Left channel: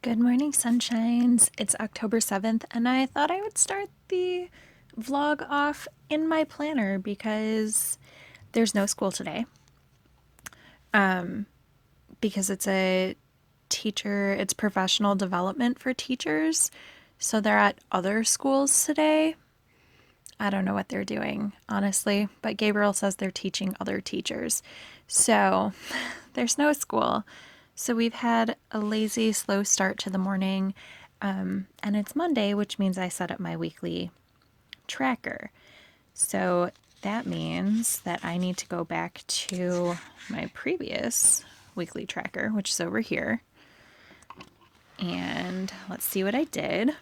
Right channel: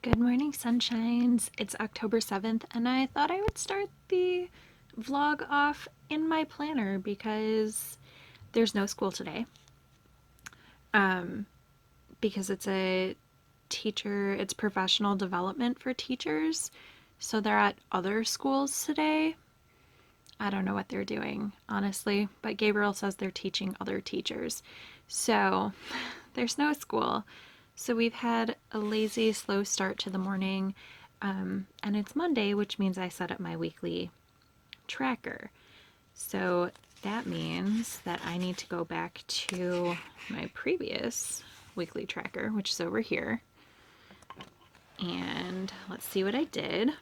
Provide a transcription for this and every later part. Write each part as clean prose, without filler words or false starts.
Good morning, sunshines. It's October 7th, and I thought I would start the vlog off in my planner because there's no school today. Because it's professional development for teachers. So they're at other schools today. I don't know what they're doing, honestly, but Gabriel says they're teaching other teachers. So there's no school. So we've had a lazy, slow start to the morning. And it's Monday, which means I set up my weekly tracker. So that means that I need to go back to my previous weekly tracker, which is over here. And let's see what I did.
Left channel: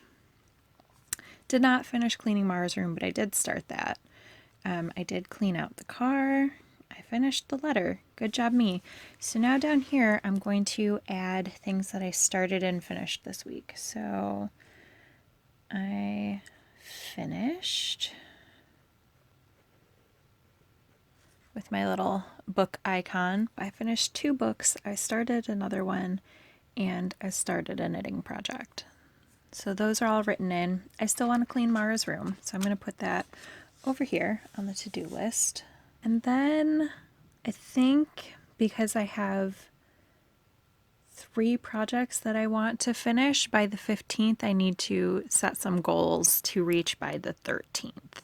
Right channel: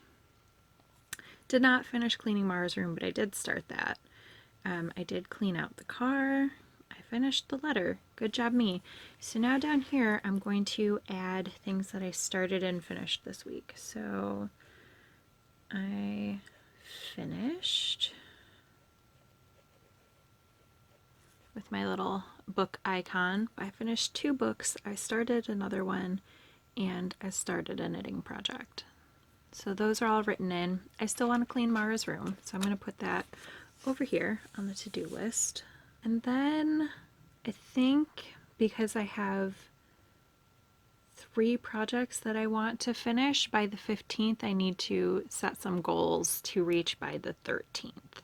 Did not finish cleaning Mara's room, but I did start that. I did clean out the car. I finished the letter. Good job, me. So now down here, I'm going to add things that I started and finished this week. So I finished with my little book icon. I finished 2 books. I started another one, and I started a knitting project. So those are all written in. I still want to clean Mara's room, so I'm going to put that over here on the to-do list. And then I think because I have 3 projects that I want to finish by the 15th, I need to set some goals to reach by the 13th.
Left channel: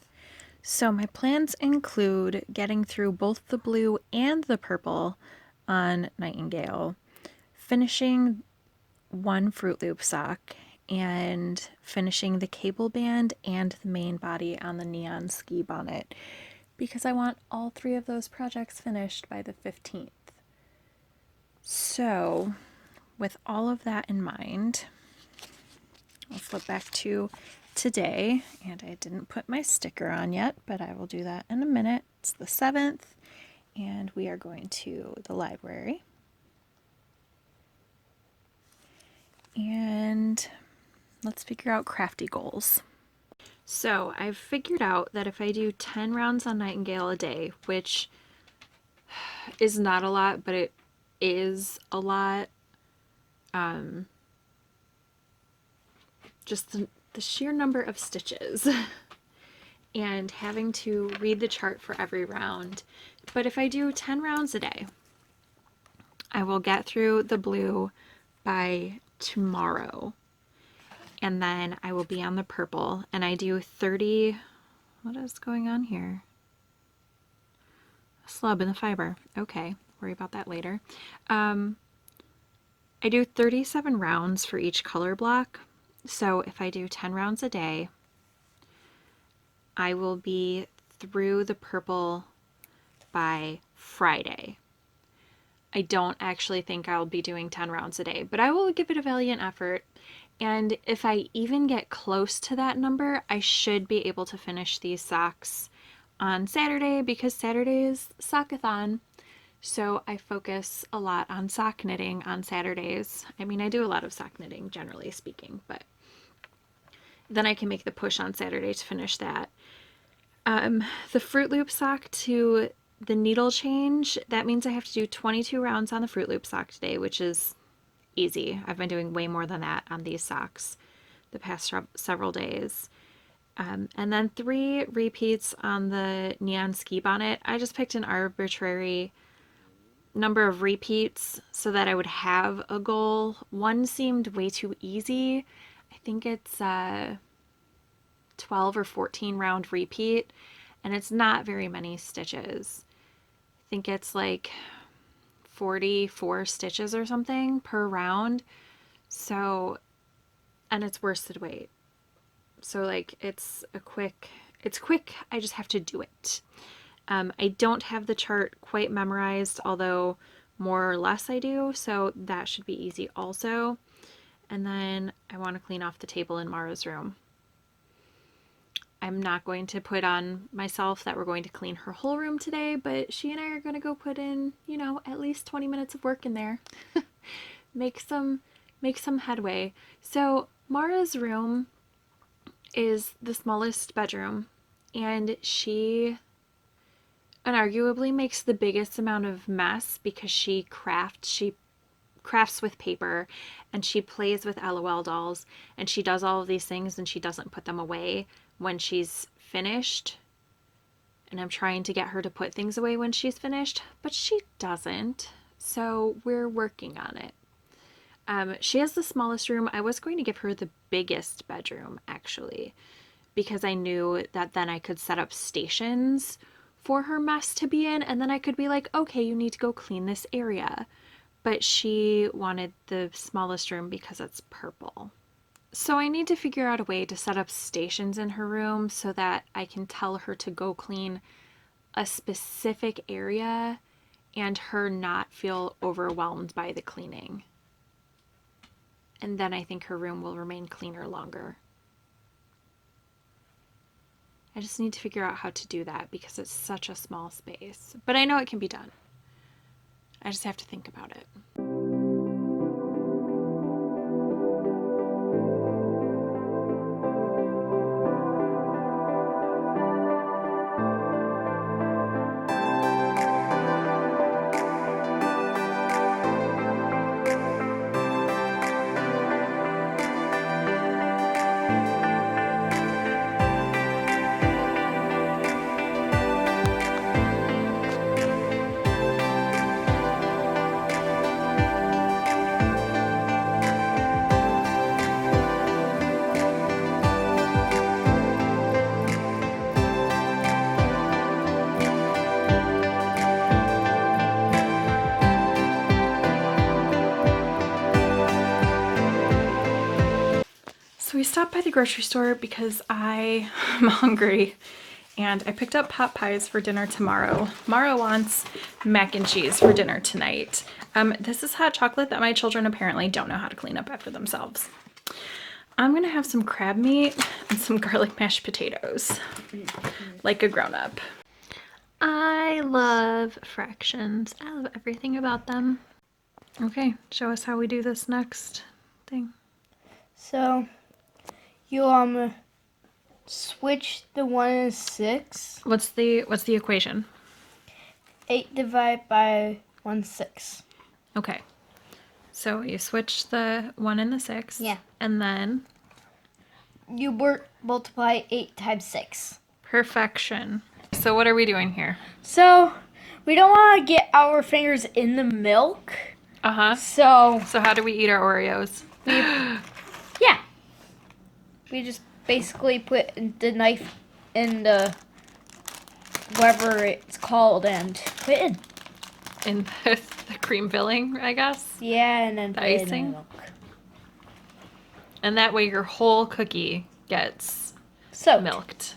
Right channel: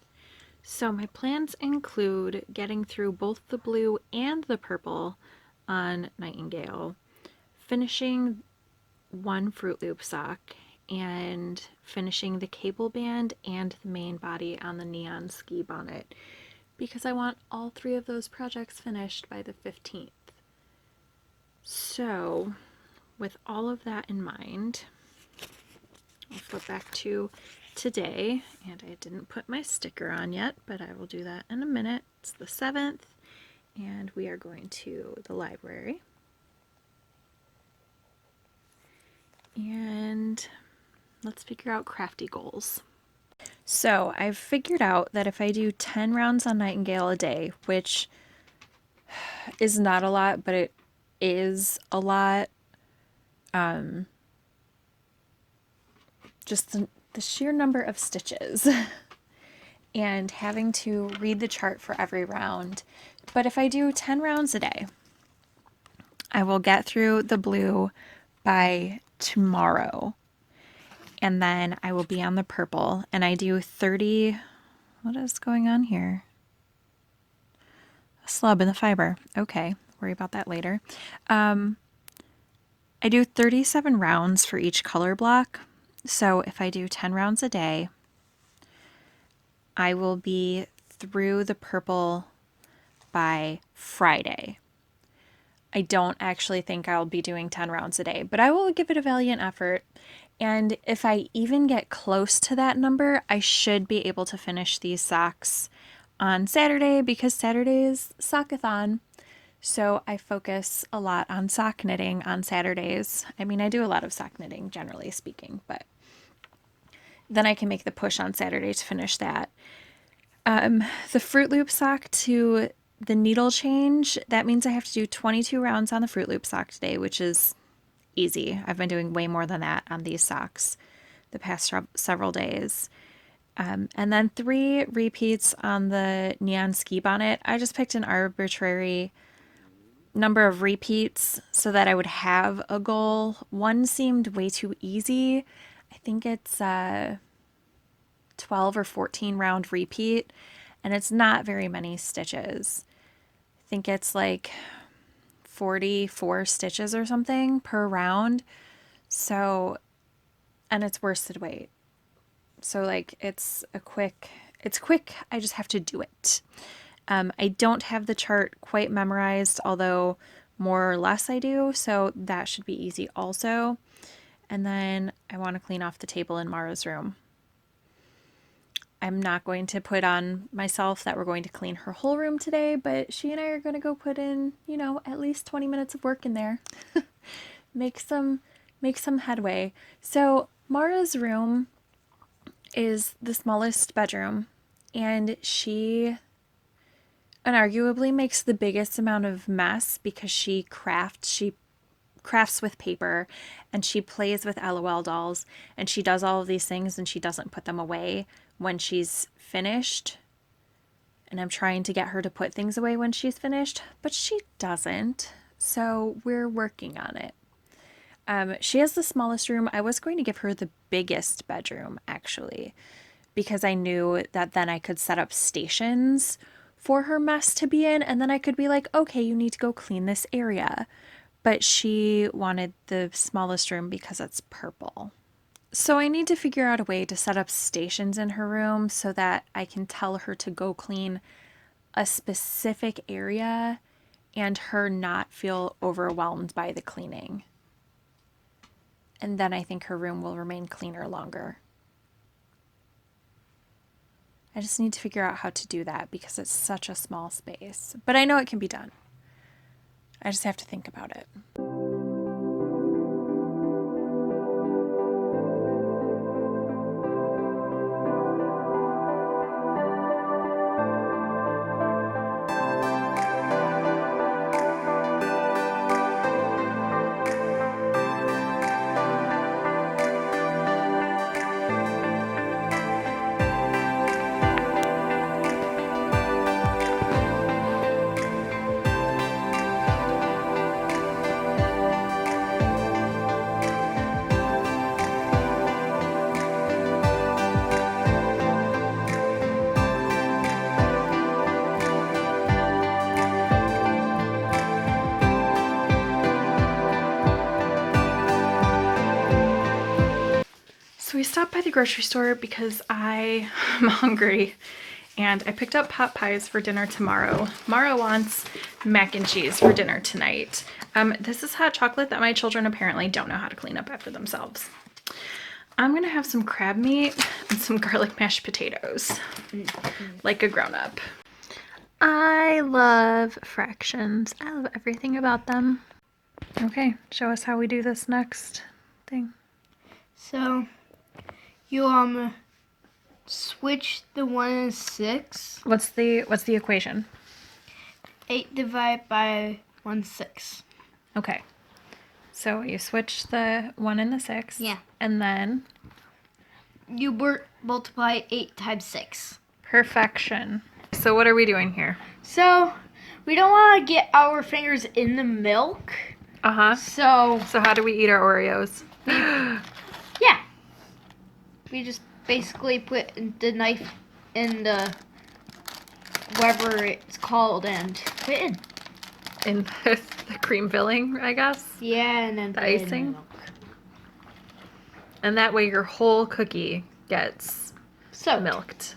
So my plans include getting through both the blue and the purple on Nightingale, finishing 1 Fruit Loop sock, and finishing the cable band and the main body on the neon ski bonnet because I want all 3 of those projects finished by the 15th. So, with all of that in mind, let's go back to today. And I didn't put my sticker on yet, but I will do that in a minute. It's the 7th, and we are going to the library. And let's figure out crafty goals. So I've figured out that if I do 10 rounds on Nightingale a day, which is not a lot, but it is a lot, just the sheer number of stitches and having to read the chart for every round. But if I do 10 rounds a day, I will get through the blue by tomorrow. And then I will be on the purple, and I do 30. What is going on here? A slub in the fiber. Okay, worry about that later. I do 37 rounds for each color block. So if I do 10 rounds a day, I will be through the purple by Friday. I don't actually think I'll be doing 10 rounds a day, but I will give it a valiant effort. And if I even get close to that number, I should be able to finish these socks on Saturday because Saturday is sockathon. So I focus a lot on sock knitting on Saturdays. I mean, I do a lot of sock knitting, generally speaking, but then I can make the push on Saturday to finish that. The Fruit Loop sock to the needle change, that means I have to do 22 rounds on the Fruit Loop sock today, which is easy. I've been doing way more than that on these socks the past several days. And then 3 repeats on the neon ski bonnet. I just picked an arbitrary number of repeats so that I would have a goal. 1 seemed way too easy. I think it's 12 or 14 round repeat, and it's not very many stitches. I think it's like 44 stitches or something per round. So, and it's worsted weight. So like it's quick. I just have to do it. I don't have the chart quite memorized, although more or less I do, so that should be easy also. And then I want to clean off the table in Mara's room. I'm not going to put on myself that we're going to clean her whole room today, but she and I are going to go put in, at least 20 minutes of work in there. make some headway. So, Mara's room is the smallest bedroom, and she unarguably makes the biggest amount of mess because she crafts with paper, and she plays with LOL dolls, and she does all of these things and she doesn't put them away when she's finished. And I'm trying to get her to put things away when she's finished, but she doesn't. So we're working on it. She has the smallest room. I was going to give her the biggest bedroom, actually, because I knew that then I could set up stations for her mess to be in, and then I could be like, okay, you need to go clean this area. But she wanted the smallest room because it's purple. So I need to figure out a way to set up stations in her room so that I can tell her to go clean a specific area and her not feel overwhelmed by the cleaning. And then I think her room will remain cleaner longer. I just need to figure out how to do that because it's such a small space. But I know it can be done. I just have to think about it. So we stopped by the grocery store because I am hungry, and I picked up pot pies for dinner tomorrow. Mara wants mac and cheese for dinner tonight. This is hot chocolate that my children apparently don't know how to clean up after themselves. I'm gonna have some crab meat and some garlic mashed potatoes, like a grown-up. I love fractions. I love everything about them. Okay, show us how we do this next thing. So you switch the 1 and 6. What's the equation? 8 divided by 1/6. Okay. So you switch the 1 and the 6. Yeah. And then You multiply 8 times 6. perfection. So what are we doing here? So we don't want to get our fingers in the milk. Uh-huh. So how do we eat our Oreos? yeah, we just basically put the knife in the whatever it's called and put it in. In the cream filling, I guess? Yeah, and then The put it in icing? milk. And that way your whole cookie gets Soaked. milked.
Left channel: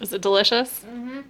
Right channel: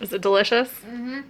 Is it delicious? Mm-hmm.